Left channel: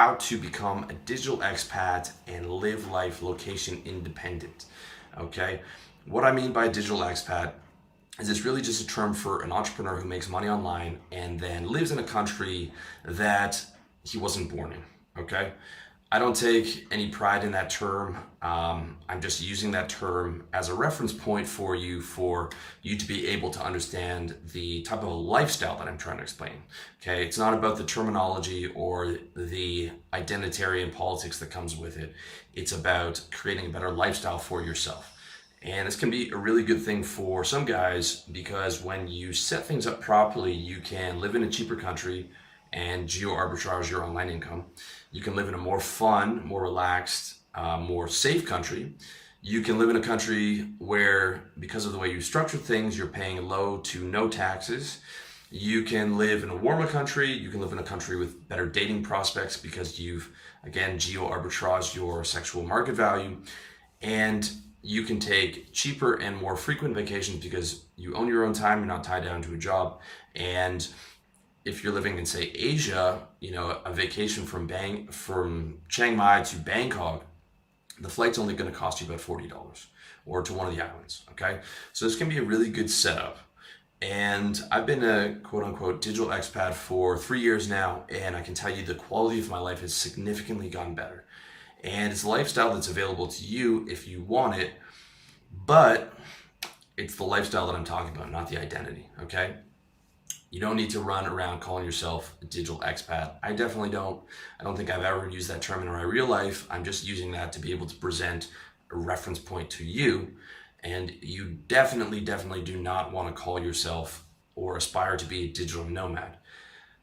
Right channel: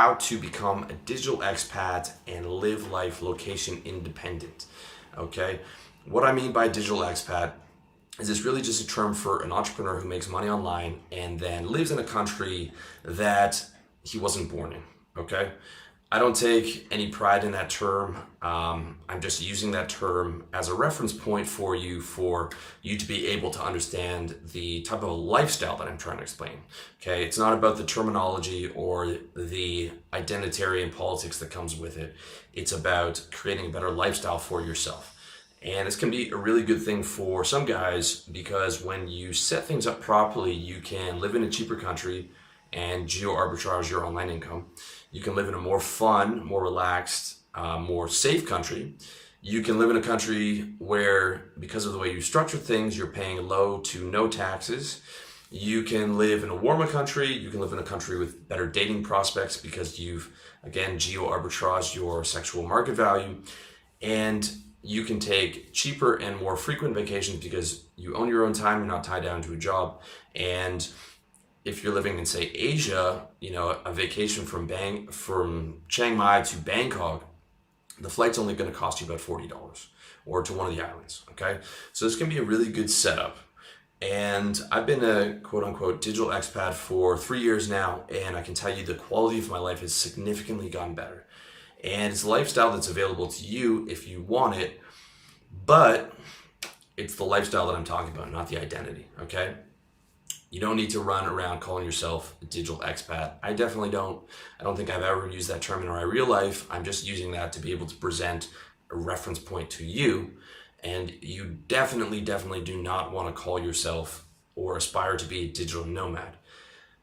how to become a digital expat and live life location independent. Okay, what I mean by digital expat is it's really just a term for an entrepreneur who makes money online and then lives in a country that he wasn't born in. Okay, I don't take any pride in that term. I'm just using that term as a reference point for you to be able to understand the type of a lifestyle that I'm trying to explain. Okay, it's not about the terminology or the identitarian politics that comes with it. It's about creating a better lifestyle for yourself. And this can be a really good thing for some guys because when you set things up properly, you can live in a cheaper country and geo arbitrage your online income. You can live in a more fun, more relaxed, more safe country. You can live in a country where, because of the way you structure things, you're paying low to no taxes. You can live in a warmer country. You can live in a country with better dating prospects because you've, again, geo arbitraged your sexual market value. And you can take cheaper and more frequent vacations because you own your own time. You're not tied down to a job. And if you're living in, say, Asia, a vacation from Chiang Mai to Bangkok, the flight's only going to cost you about $40 or to one of the islands, okay? So this can be a really good setup. And I've been a quote unquote digital expat for 3 years now, and I can tell you the quality of my life has significantly gotten better. And it's a lifestyle that's available to you if you want it, but it's the lifestyle that I'm talking about, not the identity, okay? You don't need to run around calling yourself a digital expat. I definitely don't. I don't think I've ever used that term in my real life. I'm just using that to be able to present a reference point to you. And you definitely do not want to call yourself or aspire to be a digital nomad.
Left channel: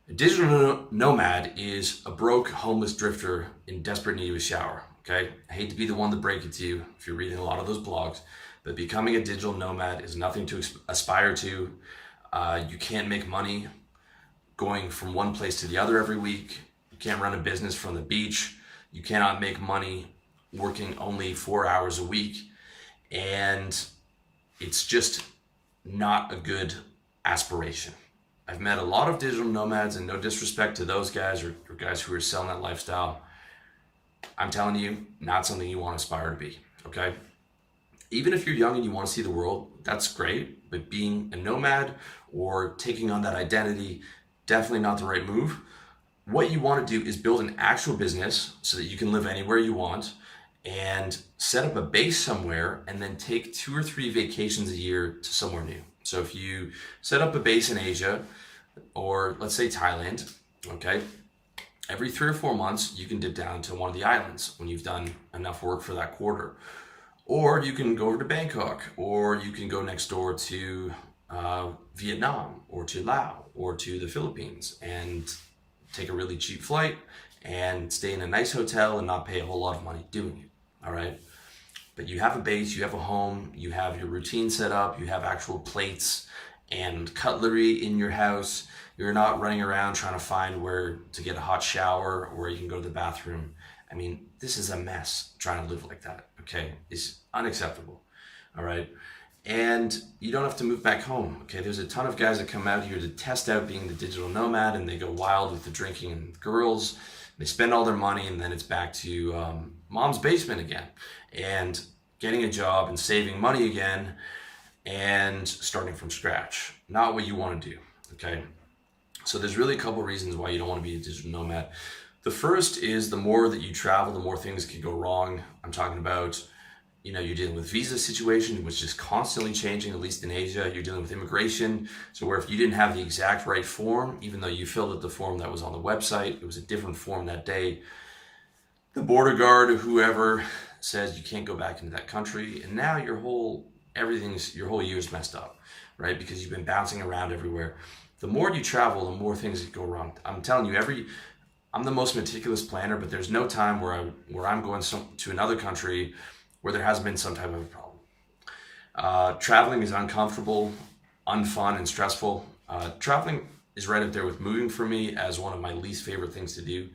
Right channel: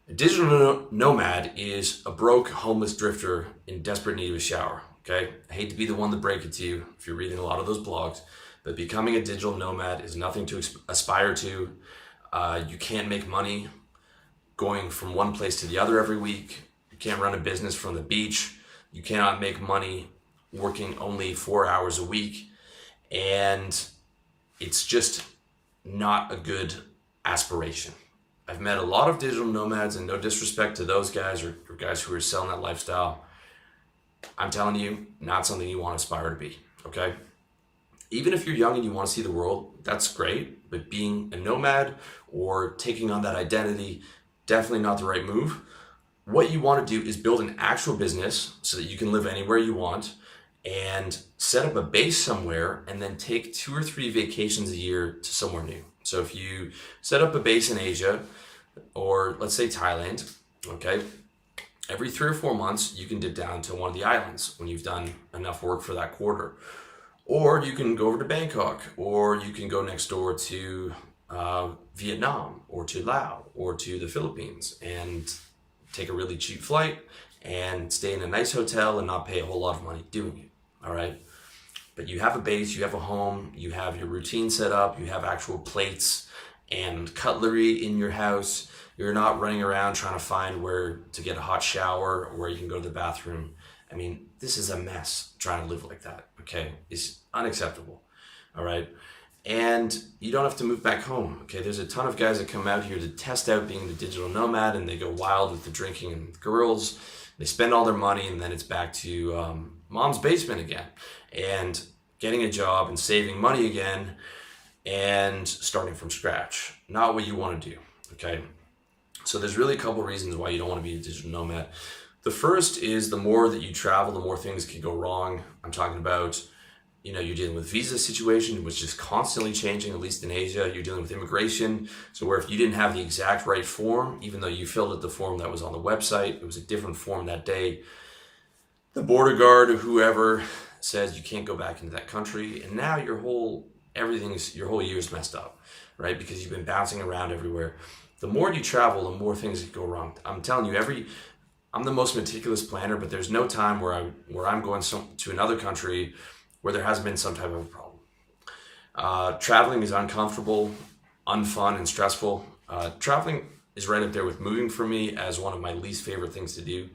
A digital nomad is a broke, homeless drifter in desperate need of a shower, okay? I hate to be the one to break it to you if you're reading a lot of those blogs, but becoming a digital nomad is nothing to aspire to. You can't make money going from one place to the other every week. You can't run a business from the beach. You cannot make money working only 4 hours a week. And it's just not a good aspiration. I've met a lot of digital nomads, and no disrespect to those guys or guys who are selling that lifestyle. I'm telling you, not something you want to aspire to be, okay? Even if you're young and you want to see the world, that's great, but being a nomad or taking on that identity, definitely not the right move. What you want to do is build an actual business so that you can live anywhere you want and set up a base somewhere and then take 2 or 3 vacations a year to somewhere new. So if you set up a base in Asia or let's say Thailand, okay, every 3 or 4 months, you can dip down to one of the islands when you've done enough work for that quarter. Or you can go over to Bangkok, or you can go next door to Vietnam or to Laos or to the Philippines and take a really cheap flight and stay in a nice hotel and not pay a whole lot of money doing it, all right? But you have a base, you have a home, you have your routine set up, you have actual plates and cutlery in your house. You're not running around trying to find where to get a hot shower or where you can go to the bathroom. I mean, this is a mess trying to live like that, okay? It's unacceptable, all right? And you don't have to move back home, okay? There's a ton of guys that come out here to test out being the digital nomad, and they go wild with the drinking and girls. They spend all their money, and then it's back to mom's basement again and getting a job and saving money again and starting from scratch. Not what you want to do, okay? So there's really a couple reasons why you don't want to be a digital nomad. The first is the more that you travel, the more things can go wrong. I'm talking about, you're dealing with visa situation, which is constantly changing, at least in Asia. You're dealing with immigration. So where if you didn't have the exact right form, even though you filled out the form that was on the website, it was a different form that day, the border guard or whoever says you can't go back into that country. And now your whole year's messed up, right? Because you've been bouncing around everywhere. The more you travel, the more things that go wrong. I'm telling you, I'm the most meticulous planner, but there's no time where I'm going to another country where there hasn't been some type of a problem. Traveling is uncomfortable, unfun, and stressful. Traveling is right up there with moving for me as one of my least favorite things to do.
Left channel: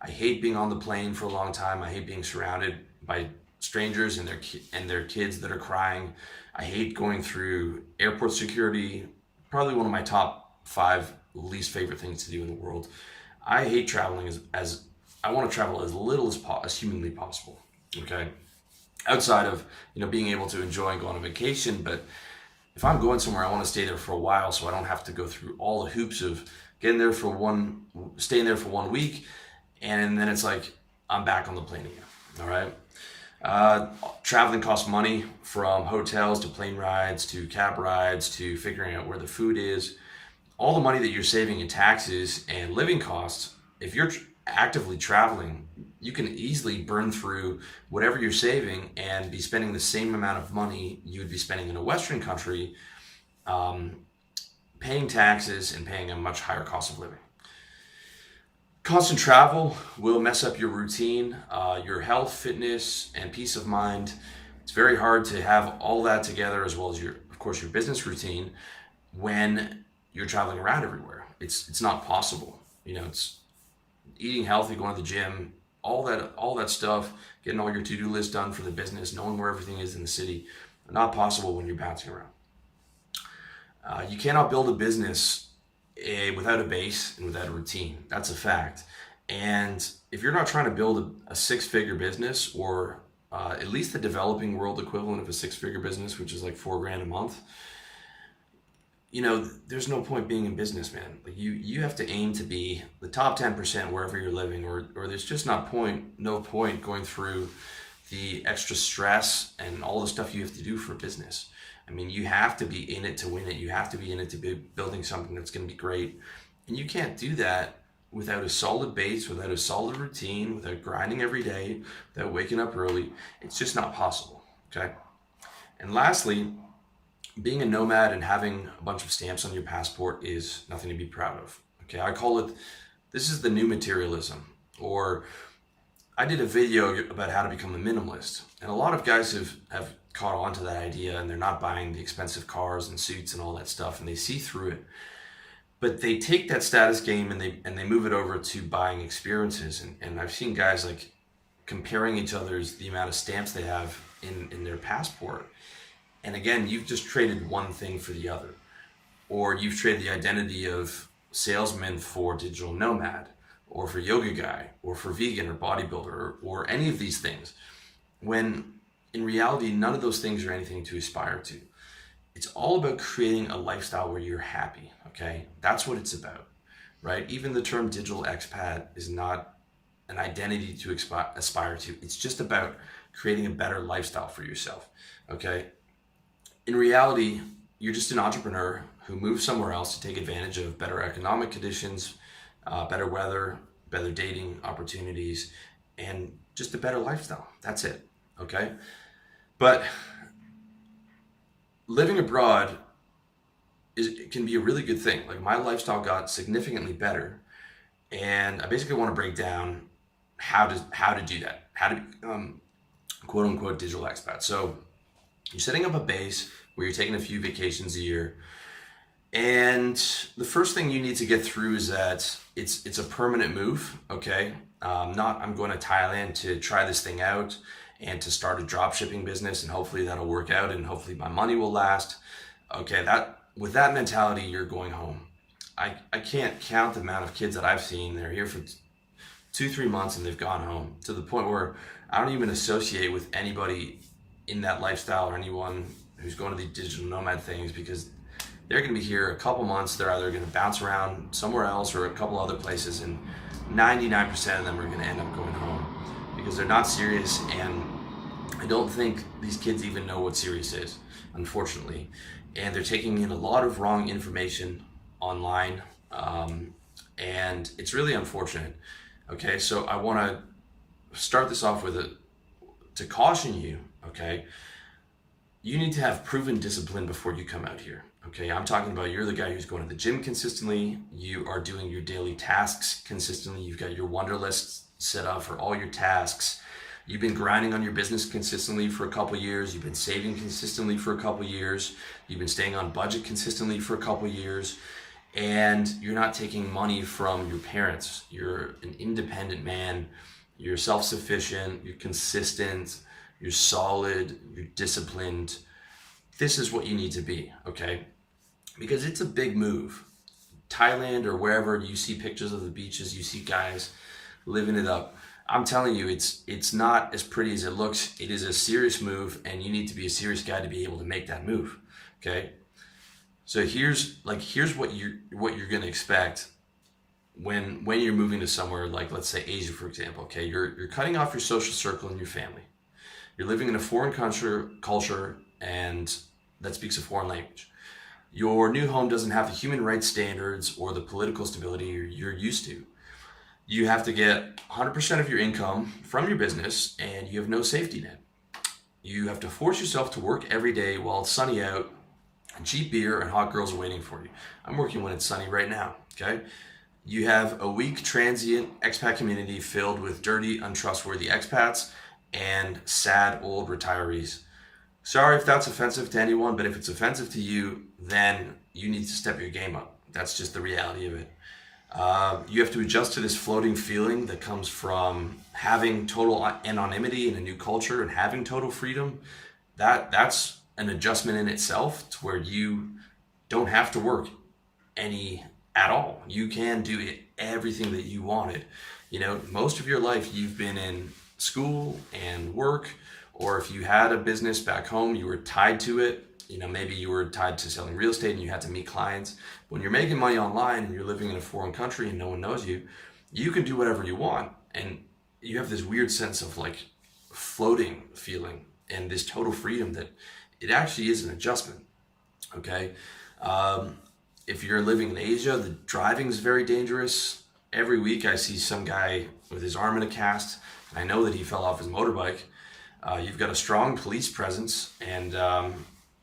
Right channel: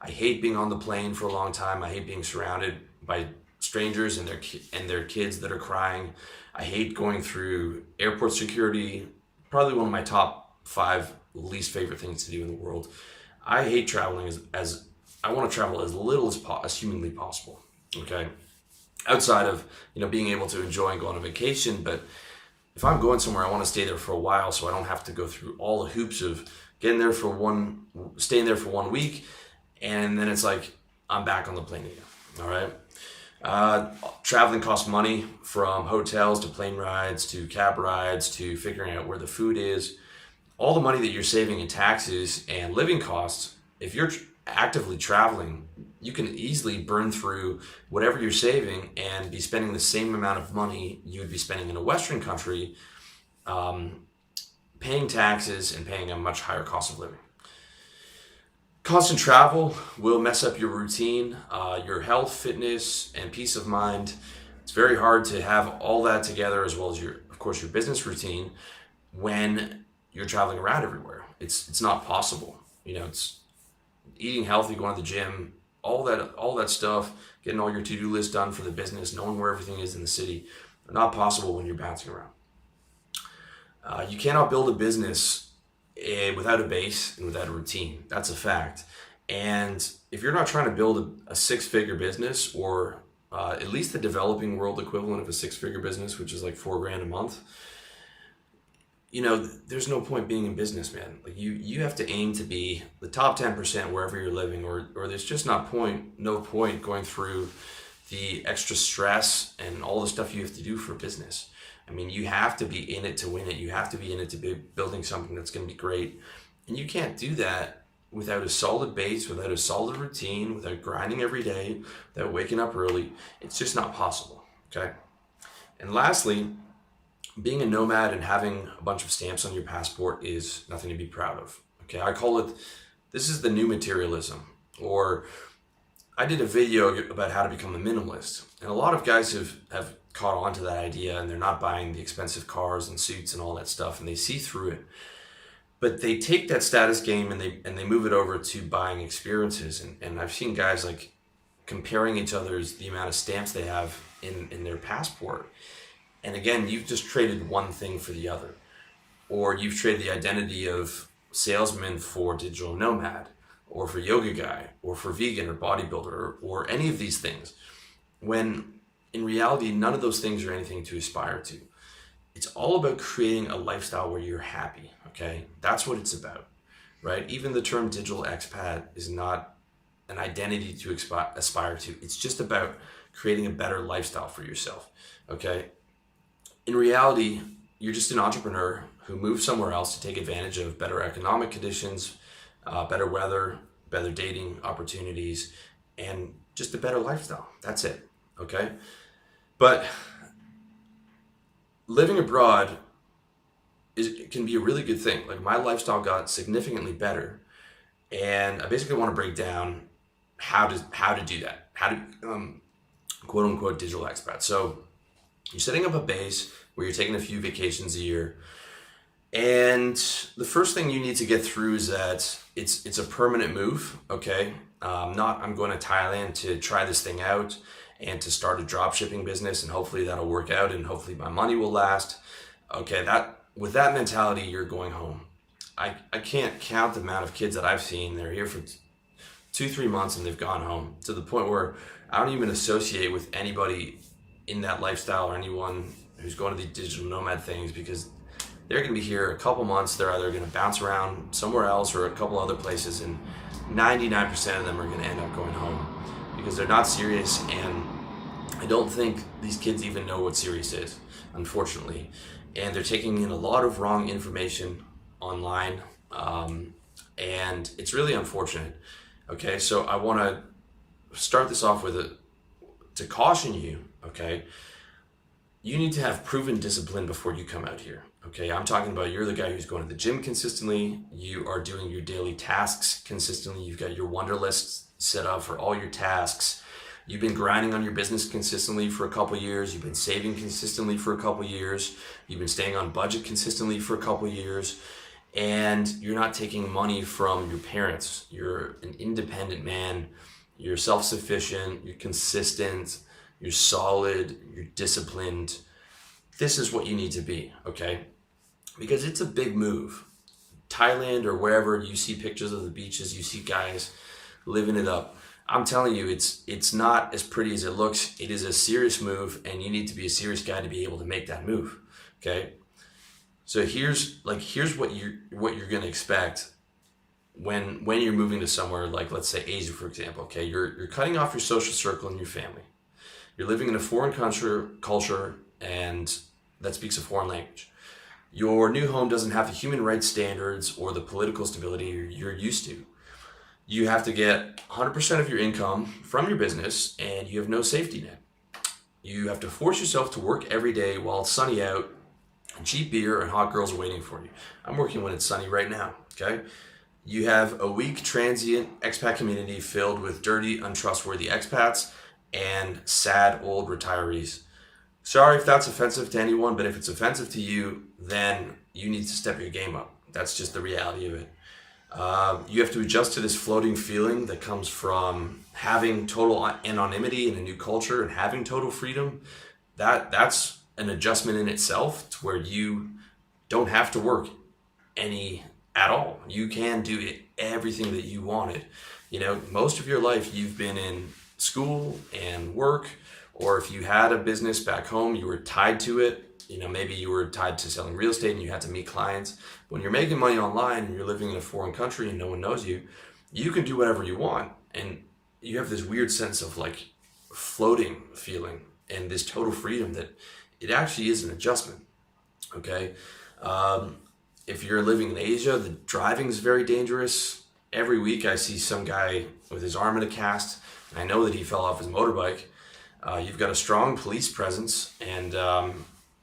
I hate being on the plane for a long time. I hate being surrounded by strangers and their kids that are crying. I hate going through airport security. Probably one of my top 5 least favorite things to do in the world. I hate traveling as I want to travel as little as humanly possible. Okay, outside of being able to enjoy and go on a vacation, but if I'm going somewhere, I want to stay there for a while, so I don't have to go through all the hoops of staying there for 1 week, and then it's like I'm back on the plane again. All right. Traveling costs money, from hotels to plane rides to cab rides to figuring out where the food is. All the money that you're saving in taxes and living costs, if you're actively traveling, you can easily burn through whatever you're saving and be spending the same amount of money you would be spending in a Western country, paying taxes and paying a much higher cost of living. Constant travel will mess up your routine, your health, fitness, and peace of mind. It's very hard to have all that together, as well as of course, your business routine when you're traveling around everywhere. It's not possible. It's eating healthy, going to the gym, all that stuff, getting all your to-do list done for the business, knowing where everything is in the city, not possible when you're bouncing around. You cannot build a business without a base and without a routine. That's a fact. And if you're not trying to build a six-figure business, or at least the developing world equivalent of a six-figure business, which is like $4,000 a month, there's no point being in business, man. Like you have to aim to be the top 10% wherever you're living, or there's just no point going through the extra stress and all the stuff you have to do for business. I mean, you have to be in it to win it. You have to be in it to be building something that's going to be great. And you can't do that without a solid base, without a solid routine, without grinding every day, without waking up early. It's just not possible, okay? And lastly, being a nomad and having a bunch of stamps on your passport is nothing to be proud of, okay? I call it, this is the new materialism. Or I did a video about how to become a minimalist. And a lot of guys have caught on to that idea, and they're not buying the expensive cars and suits and all that stuff, and they see through it. But they take that status game and they move it over to buying experiences. And I've seen guys like comparing each other's, the amount of stamps they have in their passport. And again, you've just traded one thing for the other. Or you've traded the identity of salesman for digital nomad, or for yoga guy, or for vegan or bodybuilder, or any of these things. When in reality, none of those things are anything to aspire to. It's all about creating a lifestyle where you're happy, okay? That's what it's about, right? Even the term digital expat is not an identity to aspire to. It's just about creating a better lifestyle for yourself, okay? In reality, you're just an entrepreneur who moved somewhere else to take advantage of better economic conditions, better weather, better dating opportunities, and just a better lifestyle. That's it, okay? But living abroad can be a really good thing. Like, my lifestyle got significantly better, and I basically want to break down how to do that, how to become quote unquote digital expat. So you're setting up a base where you're taking a few vacations a year, and the first thing you need to get through is that it's a permanent move, okay? Not I'm going to Thailand to try this thing out and to start a drop shipping business, and hopefully that'll work out and hopefully my money will last. Okay, with that mentality, you're going home. I can't count the amount of kids that I've seen. They're here for 2-3 months and they've gone home, to the point where I don't even associate with anybody in that lifestyle or anyone who's going to the digital nomad things, because they're going to be here a couple months. They're either going to bounce around somewhere else or a couple other places, and 99% of them are going to end up going home because they're not serious. And I don't think these kids even know what serious is, unfortunately. And they're taking in a lot of wrong information online, and it's really unfortunate. Okay, so I want to start this off to caution you, okay? You need to have proven discipline before you come out here, okay? I'm talking about, you're the guy who's going to the gym consistently, you are doing your daily tasks consistently, you've got your wonder list set up for all your tasks, you've been grinding on your business consistently for a couple years, you've been saving consistently for a couple years, you've been staying on budget consistently for a couple years, and you're not taking money from your parents. You're an independent man, you're self-sufficient, you're consistent, you're solid, you're disciplined. This is what you need to be, okay? Because it's a big move. Thailand or wherever, you see pictures of the beaches, you see guys living it up. I'm telling you, it's not as pretty as it looks. It is a serious move, and you need to be a serious guy to be able to make that move. Okay. So here's what you're gonna expect when you're moving to somewhere like, let's say, Asia, for example. Okay, you're cutting off your social circle and your family. You're living in a foreign culture and that speaks a foreign language. Your new home doesn't have the human rights standards or the political stability you're used to. You have to get 100% of your income from your business, and you have no safety net. You have to force yourself to work every day while it's sunny out, and cheap beer and hot girls are waiting for you. I'm working when it's sunny right now, okay? You have a weak, transient expat community filled with dirty, untrustworthy expats and sad old retirees. Sorry if that's offensive to anyone, but if it's offensive to you, then you need to step your game up. That's just the reality of it. You have to adjust to this floating feeling that comes from having total anonymity in a new culture and having total freedom. That's an adjustment in itself, to where you don't have to work any at all. You can do everything that you wanted. You know, most of your life you've been in school and work, or if you had a business back home, you were tied to it. You know, maybe you were tied to selling real estate and you had to meet clients. When you're making money online and you're living in a foreign country and no one knows you, you can do whatever you want. And you have this weird sense of like floating feeling and this total freedom that it actually is an adjustment. Okay. If you're living in Asia, the driving is very dangerous. Every week I see some guy with his arm in a cast, and I know that he fell off his motorbike. You've got a strong police presence, and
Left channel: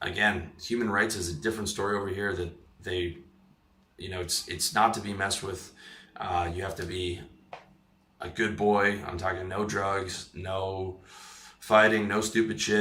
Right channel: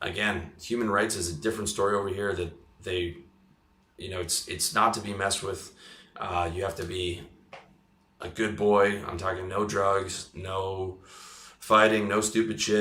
again, human rights is a different story over here. That they, you know, it's not to be messed with. You have to be a good boy. I'm talking no drugs, no fighting, no stupid shit.